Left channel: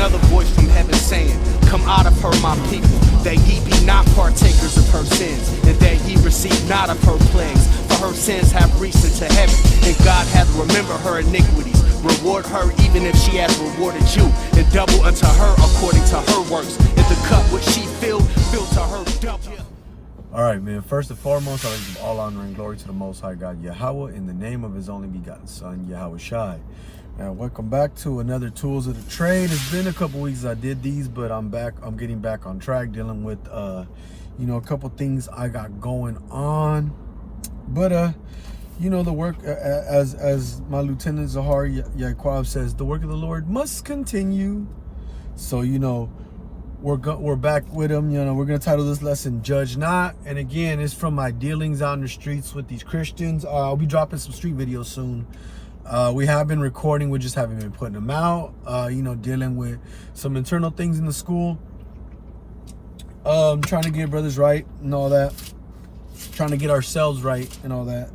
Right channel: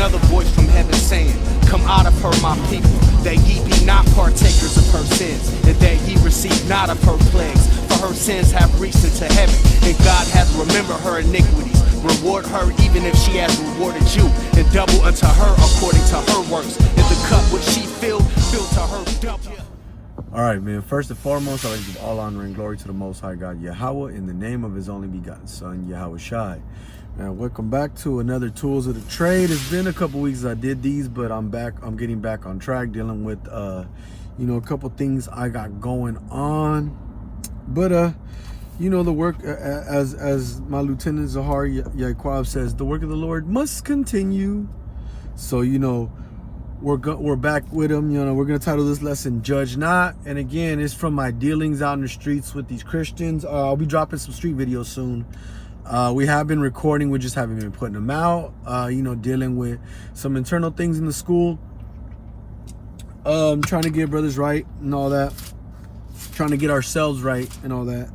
another voice from heaven saying, come out of her, my people, that ye be not partakers of her sins, and that ye receive not of her plagues. For her sins have reached into heaven, and God hath remembered her iniquities. Reward her even if she has rewarded you, and double unto her according to her works. And the cup which she filled to her double. All right, man. First and foremost, I like to give all honor and glory to the Most High God, Yahweh, in the name of His only begotten Son, Yahweh Shai. Now, welcome back to another Tools of the Trade. It's been a couple weeks I did these, but I'm back. I'm getting back on track, dealing with, you know, a couple things I got going on. But, you know, the work, as my Lieutenant Zahar Yaquab says, the work of the Lord must continue. So, you know, we're back with him. You know, we're gonna title this lesson "Judge Not," and again, it's from my dealings out in the streets with these Christians. I'll be dropping some street videos soon. We have been recording, we just haven't been putting them out. You know, dealing with some internal things in the school, trying to get brothers right and all that, trying to get ourselves right and all that.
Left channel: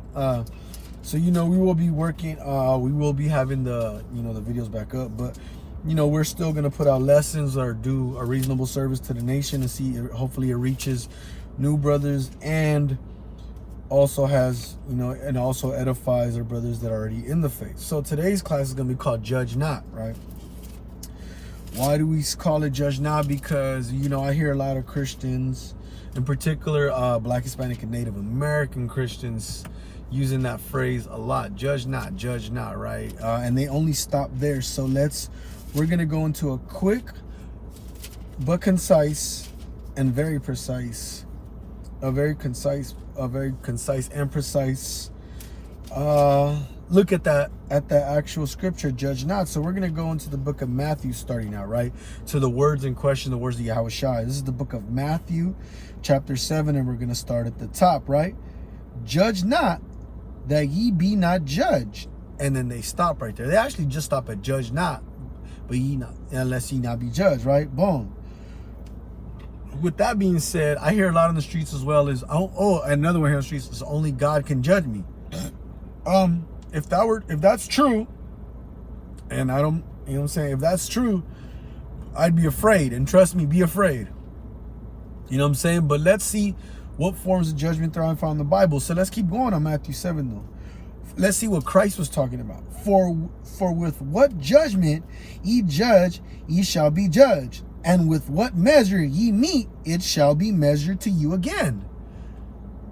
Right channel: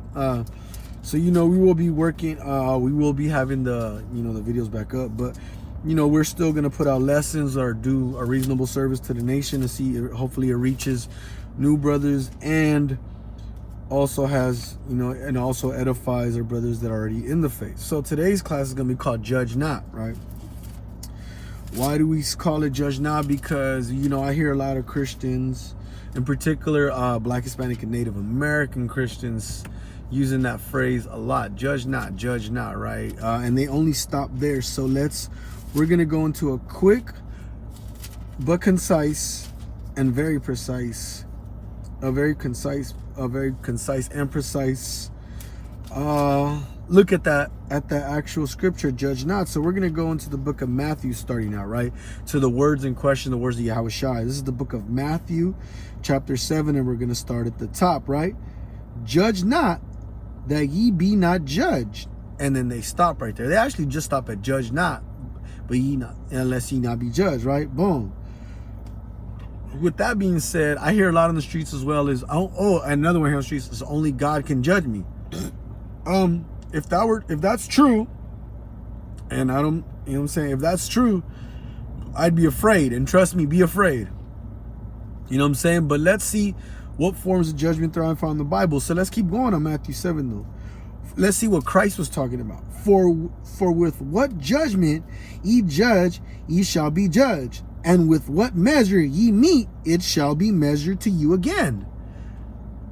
So, you know, we will be working, we will be having the, you know, the videos back up, but you know, we're still going to put out lessons or do a reasonable service to the nation to see, hopefully it reaches new brothers and also has, you know, and also edifies our brothers that are already in the faith. So today's class is going to be called Judge Not, right? Why do we call it Judge Not? Because, you know, I hear a lot of Christians, in particular, Black, Hispanic, and Native American Christians using that phrase a lot. Judge not, right? And they only stop there. So we're going to go into a quick but concise and very precise, a very concise and precise look at that actual scripture, Judge Not. So we're going to go into the book of Matthew starting out, right? To the words in question, the words of Yahweh Shai. This is the book of Matthew, chapter 7, and we're going to start at the top, right? Judge not, that ye be not judged. And then they stop right there. They actually just stop at judge not, but ye not, unless ye not be judged, right? Boom. With that being said, I hear a lot on the streets as well is, another one here on the streets is only God can judge me. If that's true, and I don't, you know what I'm saying? If that's true, I'd be afraid, and trust me, be afraid. You know what I'm saying? But let's see what forms of judgment there are found in the Bible. So let's keep going on Matthew 7 though. Let's see what Christ was talking about. For with what judgment ye judge, ye shall be judged. And with what measure ye meet, it shall be measured to you again.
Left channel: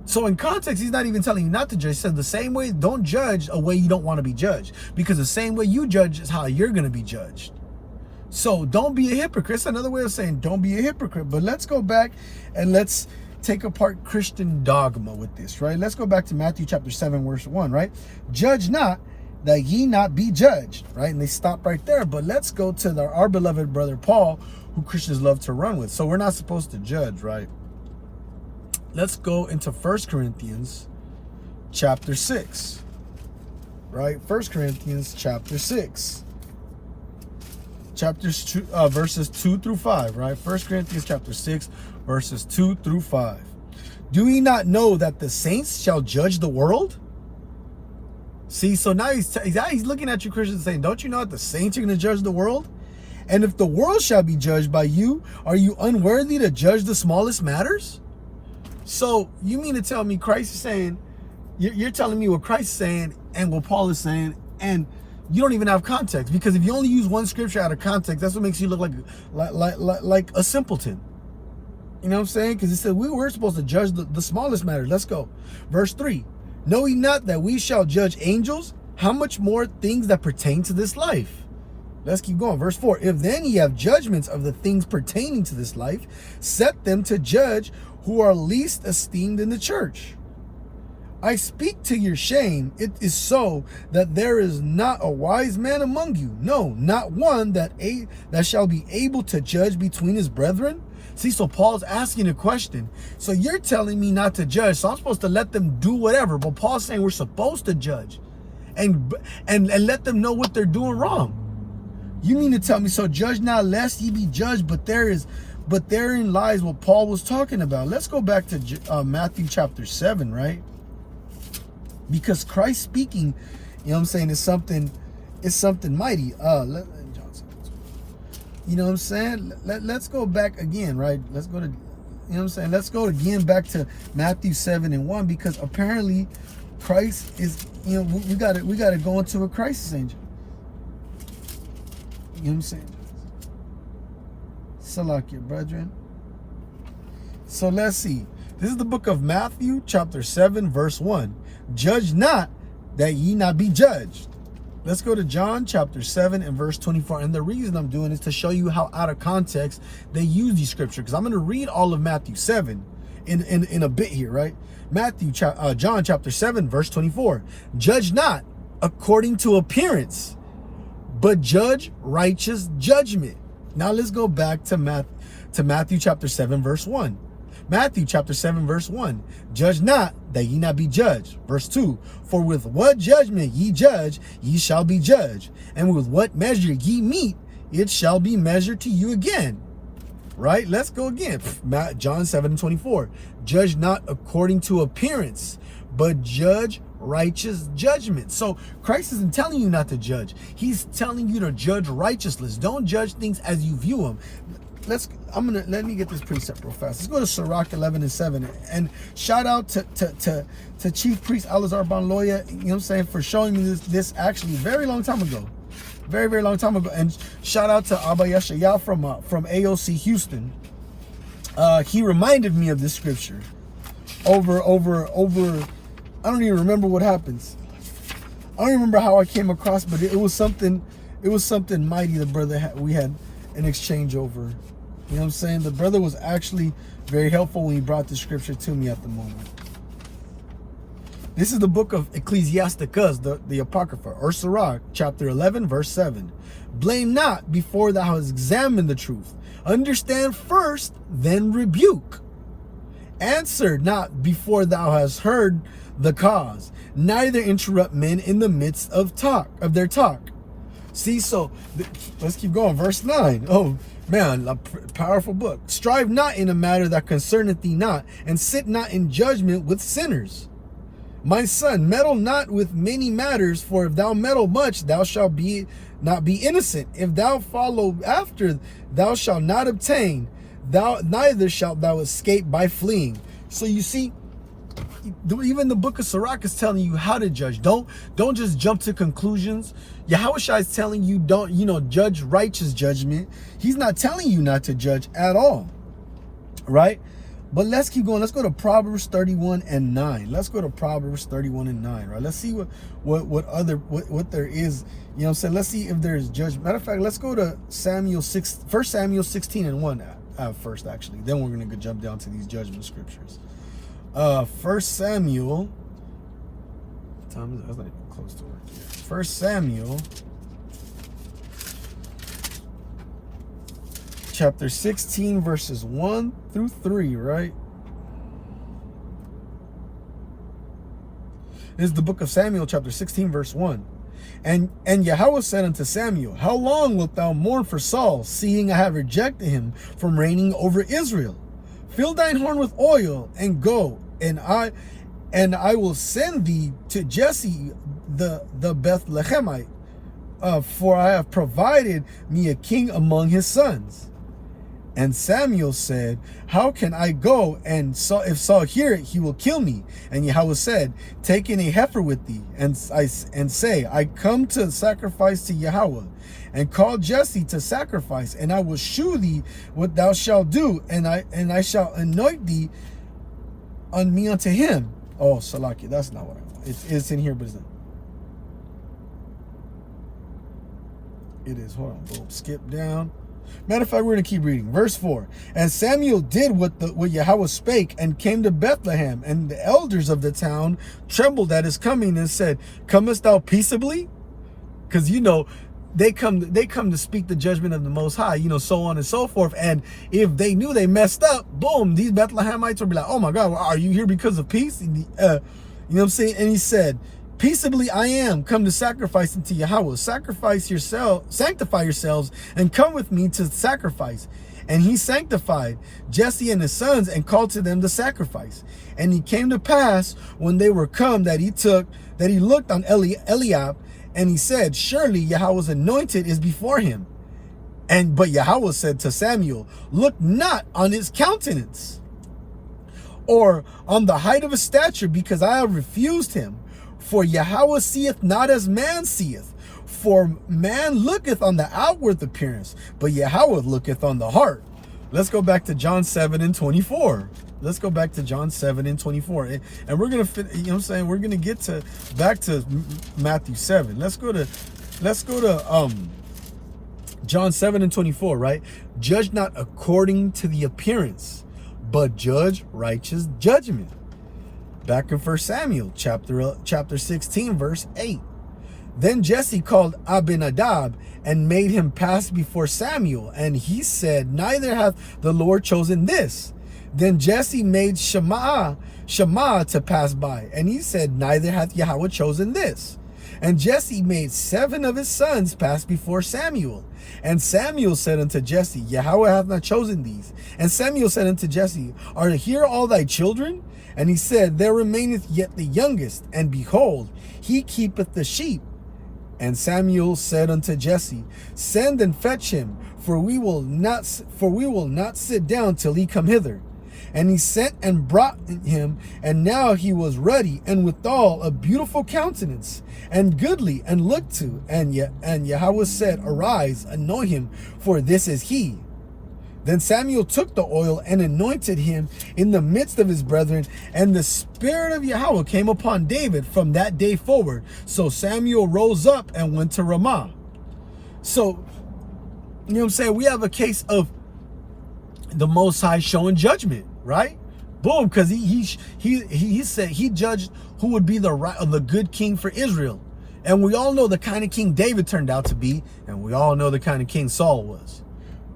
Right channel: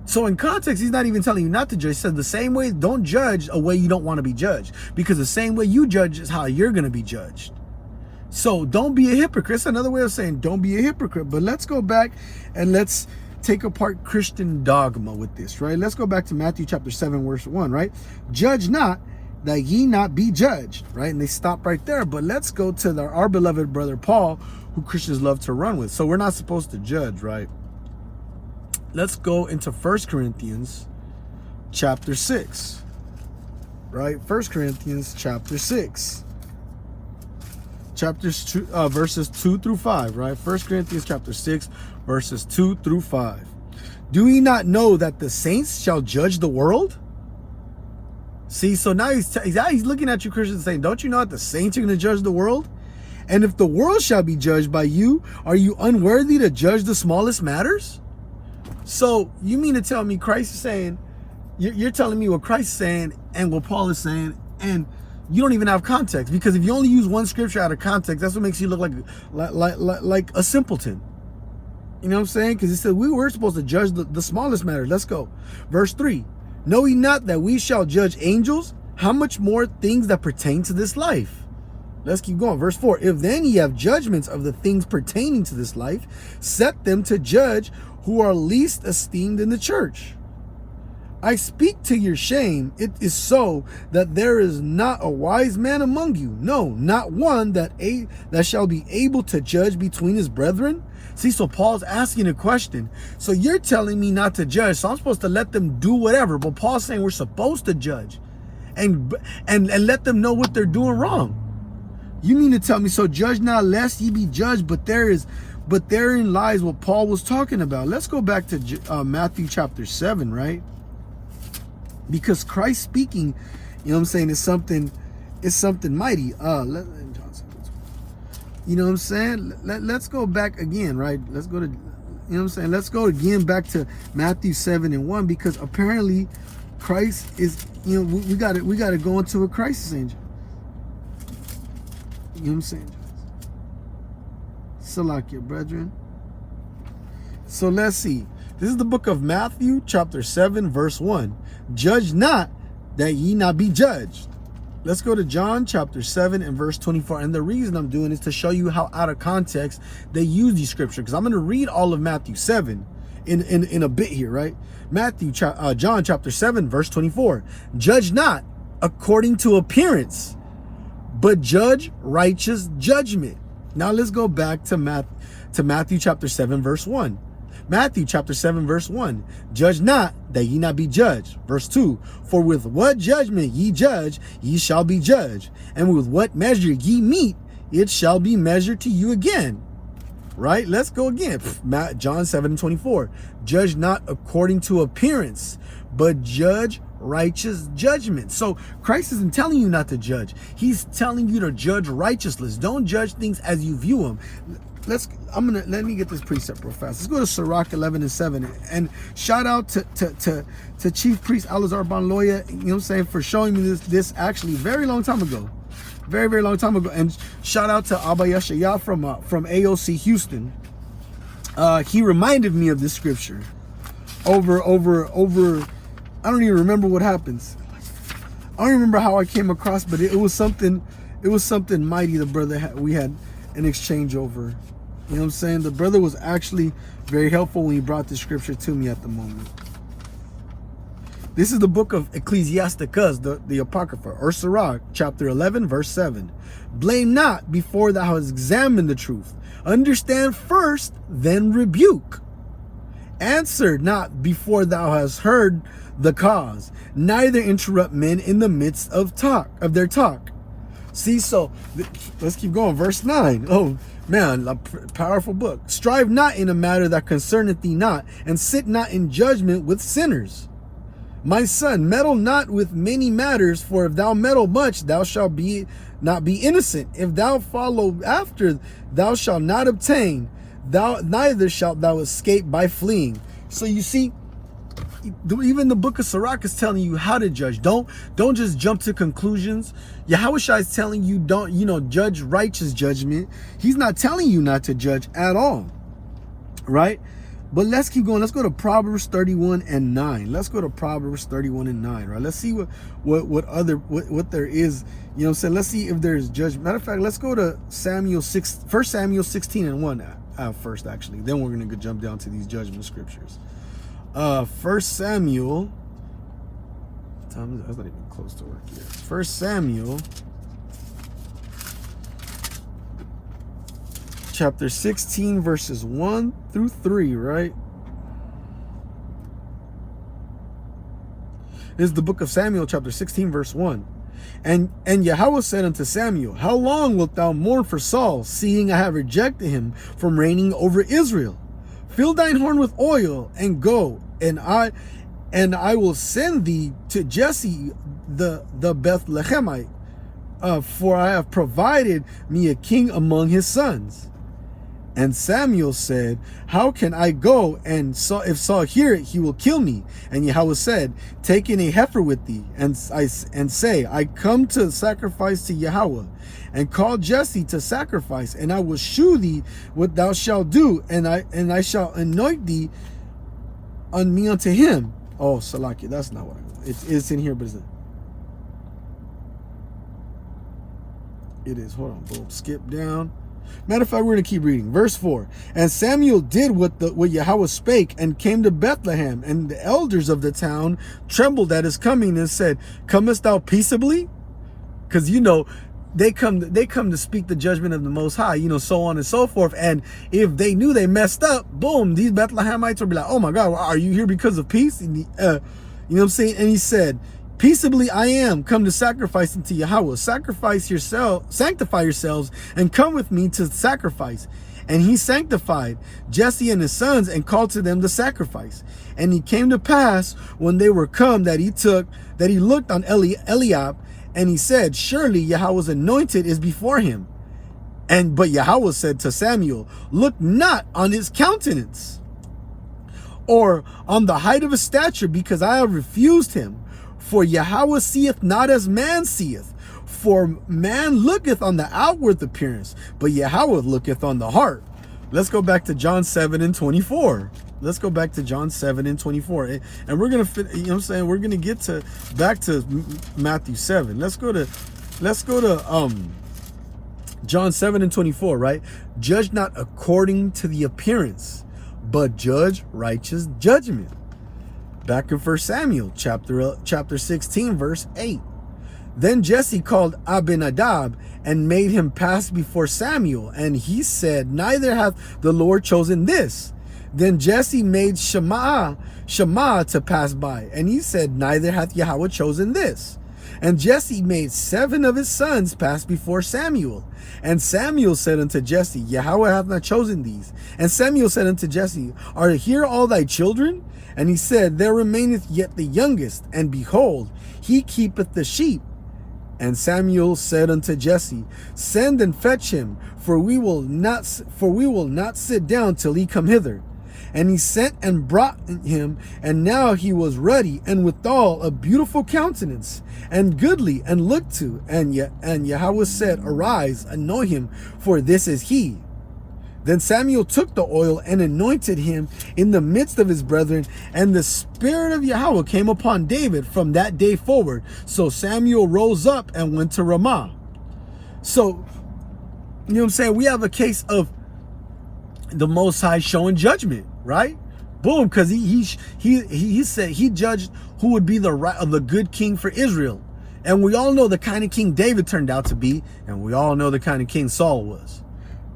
So in context, he's not even telling you not to judge. He said the same way, don't judge a way you don't want to be judged. Because the same way you judge is how you're going to be judged. So don't be a hypocrite. It's another way of saying don't be a hypocrite. But let's go back and let's take apart Christian dogma with this, right? Let's go back to Matthew chapter 7, verse 1, right? Judge not, that ye not be judged, right? And they stop right there. But let's go to our beloved brother Paul, who Christians love to run with. So we're not supposed to judge, right? Let's go into 1 Corinthians chapter 6, right? 1 Corinthians chapter 6. Chapters 2, verses 2 through 5, right? 1 Corinthians chapter 6, verses 2 through 5. Do ye not know that the saints shall judge the world? See, so now he's looking at you Christians saying, don't you know that the saints are going to judge the world? And if the world shall be judged by you, are you unworthy to judge the smallest matters? So you mean to tell me Christ is saying, you're telling me what Christ is saying and what Paul is saying, and you don't even have context, because if you only use one scripture out of context, that's what makes you look like a simpleton. You know what I'm saying? Because he said we were supposed to judge the smallest matters. Let's go. Verse 3. Know ye not that we shall judge angels? How much more things that pertain to this life? Let's keep going. Verse 4. If then ye have judgments of the things pertaining to this life, set them to judge who are least esteemed in the church. I speak to your shame. It is so that there is not a wise man among you. No, not one that shall be able to judge between his brethren. See, so Paul's asking a question. So you're telling me not to judge, so I'm supposed to let them do whatever. But Paul's saying we're supposed to judge and let them know what they're doing wrong. You mean to tell me, so judge not lest ye be judged, but therein lies what Paul was talking about. Let's go back to Matthew chapter 7, right? Because Christ speaking, you know what I'm saying, is something mighty. You know what I'm saying? Let's go back again, right? Let's go to, you know what I'm saying? Let's go again back to Matthew 7:1, because apparently Christ is, you know, we gotta go into a crisis, angel. You know what I'm saying? Salakia, brethren. So let's see. This is the book of Matthew, chapter 7, verse 1. Judge not, that ye not be judged. Let's go to John chapter 7 and verse 24. And the reason I'm doing is to show you how out of context they use these scriptures. Because I'm going to read all of Matthew 7 in a bit here, right? John chapter 7, verse 24. Judge not according to appearance, but judge righteous judgment. Now let's go back to Matthew chapter 7, verse 1. Matthew chapter 7, verse 1. Judge not, that ye not be judged. Verse 2. For with what judgment ye judge, ye shall be judged. And with what measure ye mete, it shall be measured to you again. Right? Let's go again. John 7:24. Judge not according to appearance, but judge righteous judgment. So Christ isn't telling you not to judge. He's telling you to judge righteousness. Don't judge things as you view them. Let me get this precept real fast. Let's go to Sirach 11:7, and shout out to Chief Priest Alazar Banloya, you know what I'm saying, for showing me this actually very long time ago, very long time ago. And shout out to Abba Yeshaya from AOC Houston. He reminded me of this scripture over. I don't even remember what happens. I don't even remember how I came across, but it was something mighty. The brother we had an exchange over. You know what I'm saying? The brother was actually very helpful when he brought the scripture to me at the moment. This is the book of Ecclesiasticus, the Apocrypha, or Sirach, chapter 11, verse 7. Blame not before thou hast examined the truth. Understand first, then rebuke. Answer not before thou hast heard the cause. Neither interrupt men in the midst of their talk. See, so let's keep going. Verse 9. Oh, man, a powerful book. Strive not in a matter that concerneth thee not, and sit not in judgment with sinners. My son, meddle not with many matters, for if thou meddle much, thou shalt not be innocent. If thou follow after, thou shalt not obtain. Neither shalt thou escape by fleeing. So you see, even the book of Sirach is telling you how to judge. Don't just jump to conclusions. Yahushua is telling you don't, judge righteous judgment. He's not telling you not to judge at all, right? But let's keep going. Let's go to Proverbs 31 and 9. Let's go to Proverbs 31 and 9, right? Let's see what there is. You know what I'm saying? Let's see if there's judgment. Matter of fact, let's go to 1 Samuel 16 and 1 first, actually. Then we're going to jump down to these judgment scriptures. 1 Samuel, that's not even close to work here. 1 Samuel chapter 16 verses 1 through 3, right? This is the book of Samuel chapter 16 verse 1. And Yahweh said unto Samuel, how long wilt thou mourn for Saul, seeing I have rejected him from reigning over Israel? Fill thine horn with oil and go, and I will send thee to Jesse the Bethlehemite, for I have provided me a king among his sons. And Samuel said, how can I go? And if Saul hear it, he will kill me. And Yahweh said, take in a heifer with thee, and say, I come to sacrifice to Yahweh. And call Jesse to sacrifice, and I will shew thee what thou shalt do, and I shall anoint thee on me unto him. Oh, Salaki, that's not what I want. It's in here, but it's not. It is. Hold on, boom. Skip down. Matter of fact, we're going to keep reading. Verse 4. And Samuel did what Yahweh spake, and came to Bethlehem, and the elders of the town trembled at his coming, and said, comest thou peaceably? Because, they come to speak the judgment of the Most High, so on and so forth. And if they knew they messed up, boom, these Bethlehemites would be like, oh my God, are you here because of peace? And you know what I'm saying? And he said, peaceably I am come to sacrifice unto Yahweh. Sanctify yourselves, and come with me to sacrifice. And he sanctified Jesse and his sons, and called to them to sacrifice. And it came to pass, when they were come, that he looked on Eliab, and he said, surely Yahweh's anointed is before him. But Yahweh said to Samuel, look not on his countenance, or on the height of his stature, because I have refused him. For Yahweh seeth not as man seeth. For man looketh on the outward appearance, but Yahweh looketh on the heart. Let's go back to John 7:24. Let's go back to John 7:24. And we're going to, you know what I'm saying? We're going to get back to Matthew 7. Let's go to John 7:24, right? Judge not according to the appearance, but judge righteous judgment. Back in 1 Samuel chapter 16, verse 8. Then Jesse called Abinadab and made him pass before Samuel. And he said, neither hath the Lord chosen this. Then Jesse made Shammah to pass by. And he said, neither hath Yahweh chosen this. And Jesse made 7 of his sons pass before Samuel. And Samuel said unto Jesse, Yahweh hath not chosen these. And Samuel said unto Jesse, are here all thy children? And he said, there remaineth yet the youngest, and behold, he keepeth the sheep. And Samuel said unto Jesse, send and fetch him, for we will not sit down till he come hither. And he sent and brought him, and now he was ruddy, and withal a beautiful countenance, and goodly, and looked to. And Yahweh said, arise, anoint him, for this is he. Then Samuel took the oil and anointed him in the midst of his brethren, and the Spirit of Yahweh came upon David from that day forward. So Samuel rose up and went to Ramah. So, you know what I'm saying? We have a case of the Most High showing judgment, right? Boom, because he said he judged who would be the good king for Israel. And we all know the kind of king David turned out to be, and we all know the kind of king Saul was,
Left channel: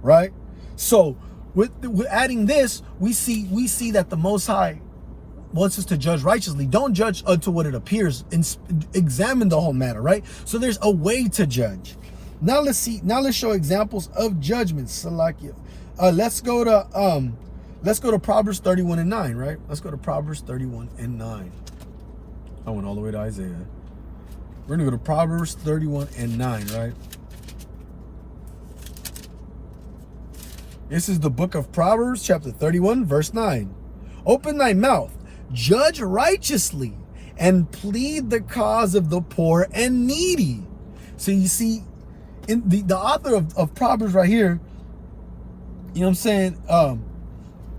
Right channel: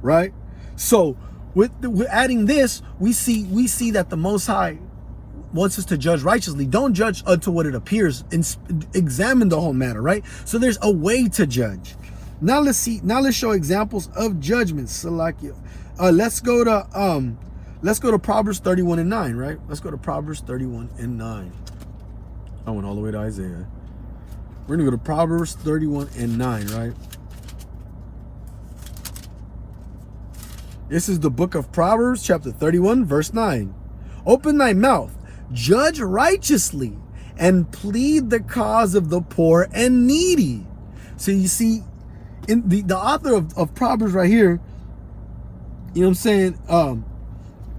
right? So with adding this, we see that the Most High wants us to judge righteously. Don't judge unto what it appears, and examine the whole matter, right? So there's a way to judge. Now let's show examples of judgments. Salakia. Let's go to Proverbs 31:9, right? Let's go to Proverbs 31:9. I went all the way to Isaiah. We're gonna go to Proverbs 31:9, right? This is the book of Proverbs, chapter 31, verse 9. Open thy mouth, judge righteously, and plead the cause of the poor and needy. So you see, in the author of Proverbs right here, you know what I'm saying,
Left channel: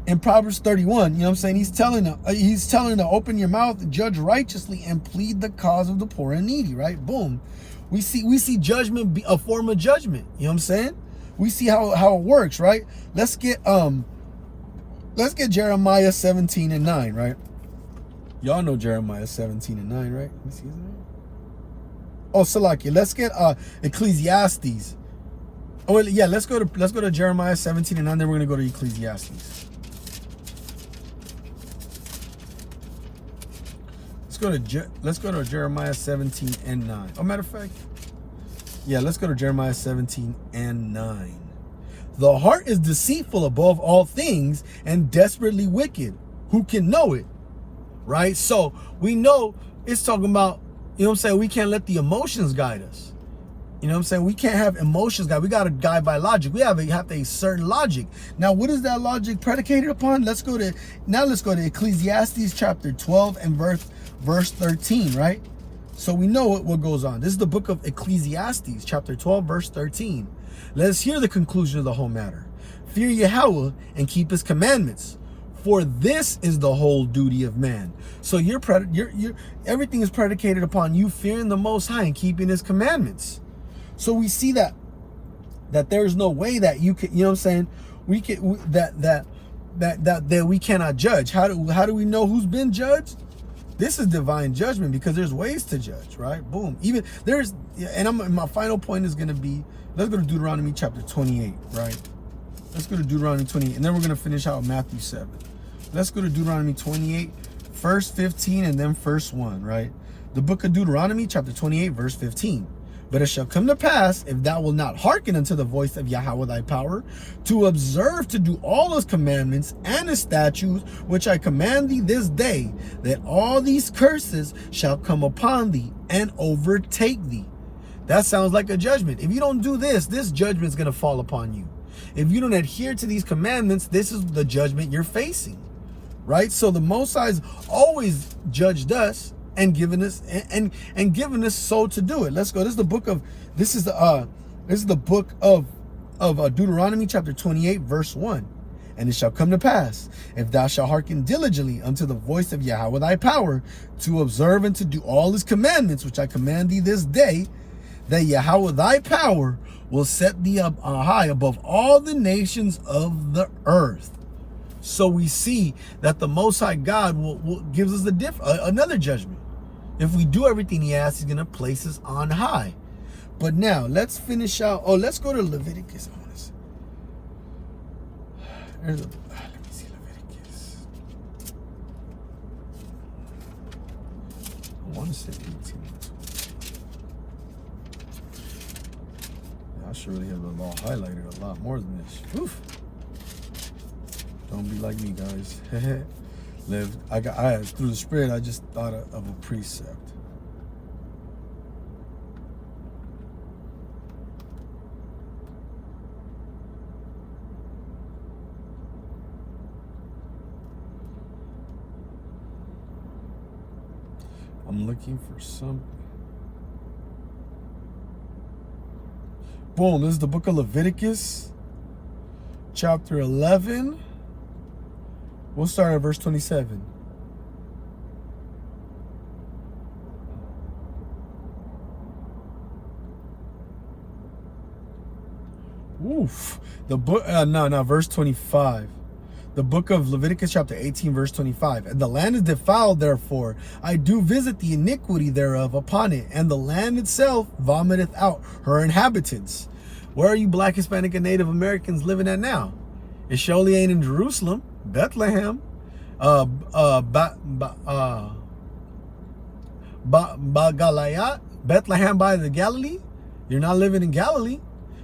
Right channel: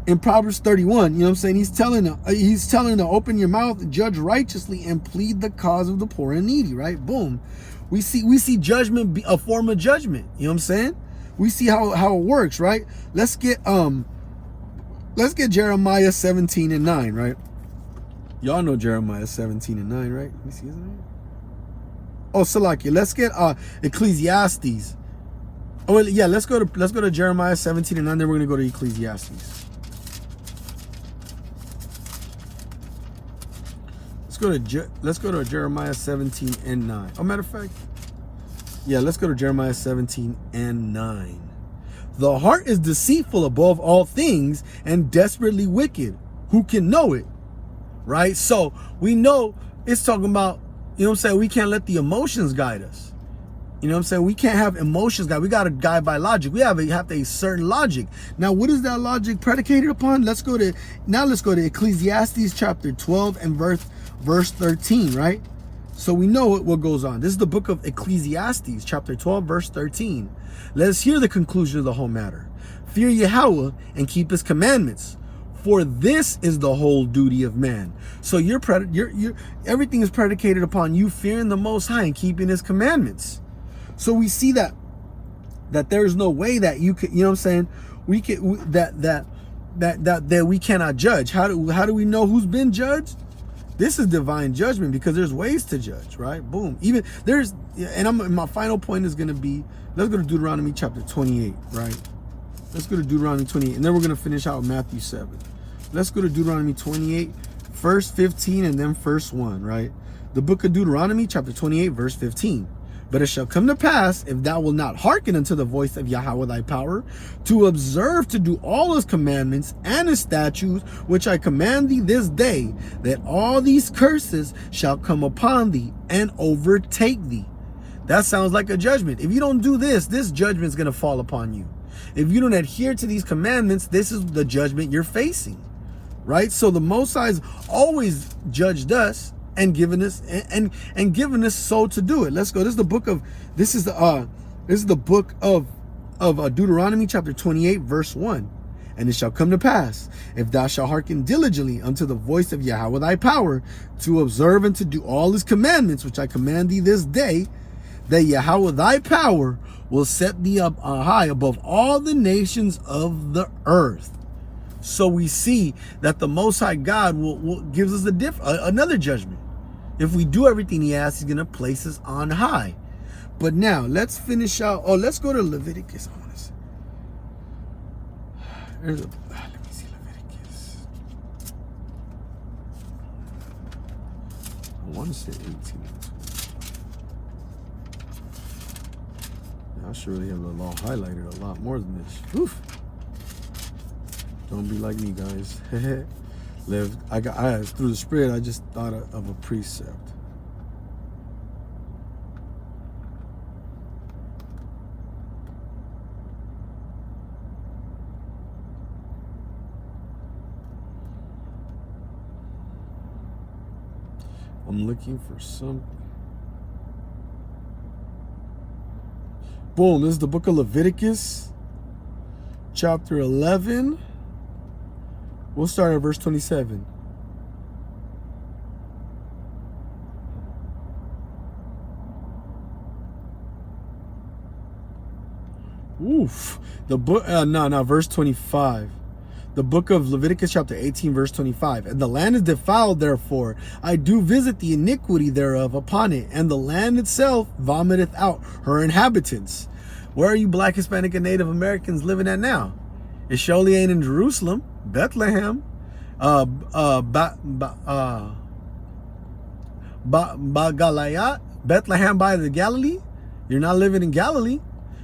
in Proverbs 31, you know what I'm saying, he's telling to open your mouth, judge righteously, and plead the cause of the poor and needy, right? Boom. We see judgment be a form of judgment, you know what I'm saying? We see how it works, right? Let's get Jeremiah 17:9, right? Y'all know Jeremiah 17:9, right? Let me see his name. Oh, Salaki. Let's get Ecclesiastes. Oh yeah, let's go to Jeremiah 17:9. Then we're gonna go to Ecclesiastes. Let's go to Jeremiah 17:9. Oh, matter of fact, yeah, let's go to Jeremiah 17:9. The heart is deceitful above all things and desperately wicked. Who can know it? Right? So we know it's talking about, you know what I'm saying, we can't let the emotions guide us. You know what I'm saying? We can't have emotions guide. We got to guide by logic. We have a certain logic. Now, what is that logic predicated upon? Let's go to Ecclesiastes chapter 12 and verse 13, right? So we know what goes on. This is the book of Ecclesiastes, chapter 12, verse 13. Let us hear the conclusion of the whole matter. Fear Yahweh and keep his commandments, for this is the whole duty of man. So everything is predicated upon you fearing the Most High and keeping his commandments. So we see that there's no way that you can, you know what I'm saying, we can that we cannot judge. How do we know who's been judged? This is divine judgment, because there's ways to judge, right? Boom. Even there's, and my final point is going to be, let's go to Deuteronomy chapter 28, right? Let's go to Deuteronomy 28, and then we're going to finish out Matthew 7. Let's go to Deuteronomy 28, verse 15, and then verse 1, right? The book of Deuteronomy chapter 28, verse 15. But it shall come to pass, if thou wilt not hearken unto the voice of Yahweh thy power, to observe to do all his commandments and his statutes, which I command thee this day, that all these curses shall come upon thee and overtake thee. That sounds like a judgment. If you don't do this, this judgment is going to fall upon you. If you don't adhere to these commandments, this is the judgment you're facing, right? So the Most High's always judged us and given us and given us so to do it. Let's go. This is the book of Deuteronomy chapter 28 verse 1. And it shall come to pass, if thou shalt hearken diligently unto the voice of Yahweh thy power, to observe and to do all his commandments which I command thee this day, that Yahweh thy power will set thee up high above all the nations of the earth. So we see that the Most High God will gives us another judgment. If we do everything he asks, he's going to place us on high. But now let's finish out. Oh, let's go to Leviticus. Let me see Leviticus. I want to say 18. I should really have the law highlighted a lot more than this. Oof. Don't be like me, guys. Through the Spirit, I just thought of a precept. I'm looking for something. Boom, this is the book of Leviticus, chapter 11. We'll start at verse 27. Oof. The book, verse 25. The book of Leviticus chapter 18 verse 25. And the land is defiled, therefore I do visit the iniquity thereof upon it, and the land itself vomiteth out her inhabitants. Where are you Black, Hispanic, and Native Americans living at now? It surely ain't in Jerusalem, Bethlehem, Galayat, Bethlehem by the Galilee. You're not living in Galilee.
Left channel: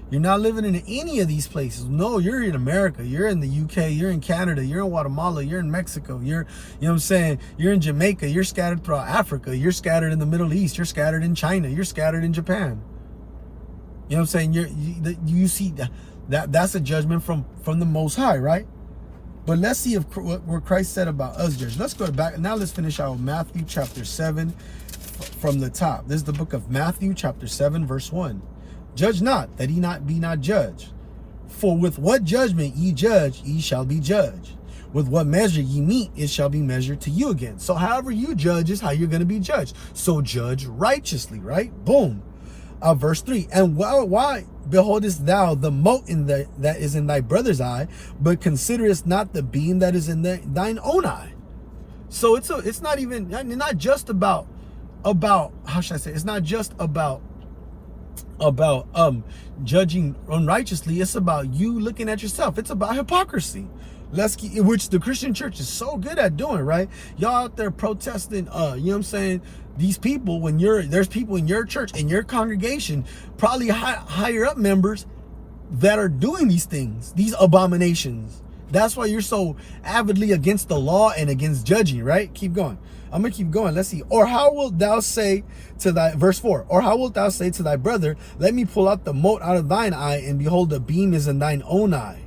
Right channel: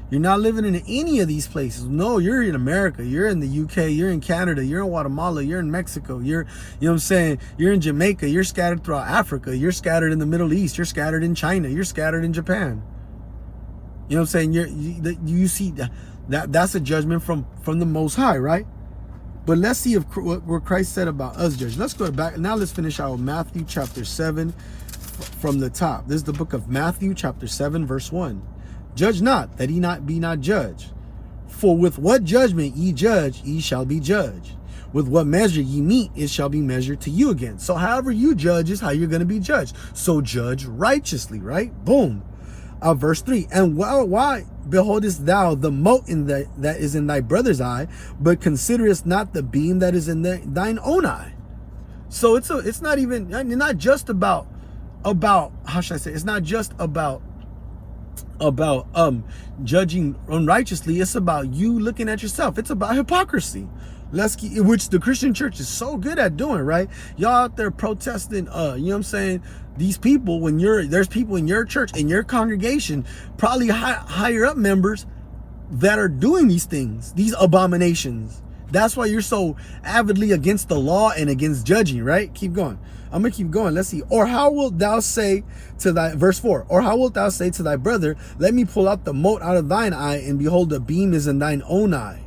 You're not living in any of these places. No, you're in America. You're in the UK. You're in Canada. You're in Guatemala. You're in Mexico. You're, you know what I'm saying? You're in Jamaica. You're scattered throughout Africa. You're scattered in the Middle East. You're scattered in China. You're scattered in Japan. You know what I'm saying? You see that's a judgment from the Most High, right? But let's see if what Christ said about us judge. Let's go back. Now let's finish out with Matthew chapter 7 from the top. This is the book of Matthew chapter 7 verse 1. Judge not, that ye be not judged. For with what judgment ye judge, ye shall be judged. With what measure ye meet, it shall be measured to you again. So however you judge is how you're going to be judged. So judge righteously, right? Boom. Verse 3. And why beholdest thou the mote that is in thy brother's eye, but considerest not the beam that is in thine own eye? So it's not just about how should I say? It's not just about judging unrighteously. It's about you looking at yourself. It's about hypocrisy, which the Christian church is so good at doing, right? Y'all out there protesting, you know what I'm saying, these people, when there's people in your church, in your congregation, probably higher up members that are doing these things, these abominations. That's why you're so avidly against the law and against judging, right? Keep going. I'm going to keep going. Let's see. Or how wilt thou say to thy, verse 4, or how wilt thou say to thy brother, let me pull out the mote out of thine eye, and behold, the beam is in thine own eye?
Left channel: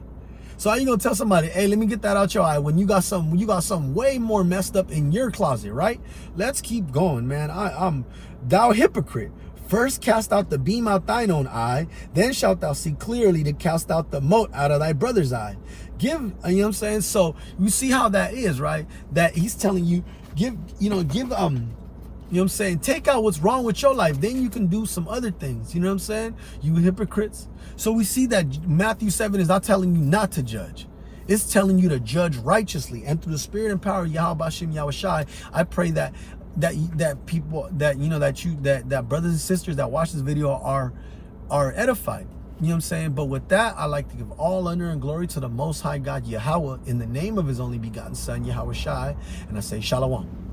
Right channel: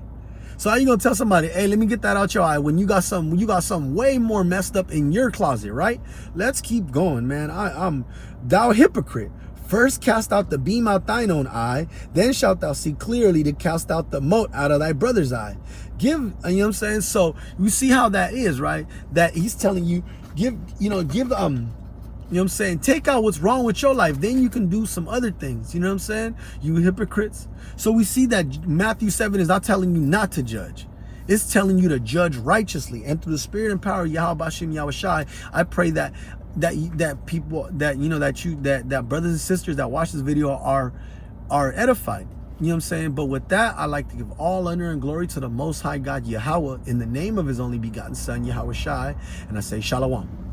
So how you going to tell somebody, hey, let me get that out your eye, when you got something way more messed up in your closet, right? Let's keep going, man. Thou hypocrite. First cast out the beam out thine own eye, then shalt thou see clearly to cast out the mote out of thy brother's eye. You know what I'm saying? So you see how that is, right? That he's telling you, you know what I'm saying, take out what's wrong with your life, then you can do some other things. You know what I'm saying? You hypocrites. So we see that Matthew 7 is not telling you not to judge. It's telling you to judge righteously. And through the Spirit and power of Yahweh Hashem Yahweh Shai, I pray that people, that brothers and sisters that watch this video are edified. You know what I'm saying? But with that, I like to give all honor and glory to the Most High God Yahweh in the name of his only begotten Son, Yahweh Shai. And I say Shalom.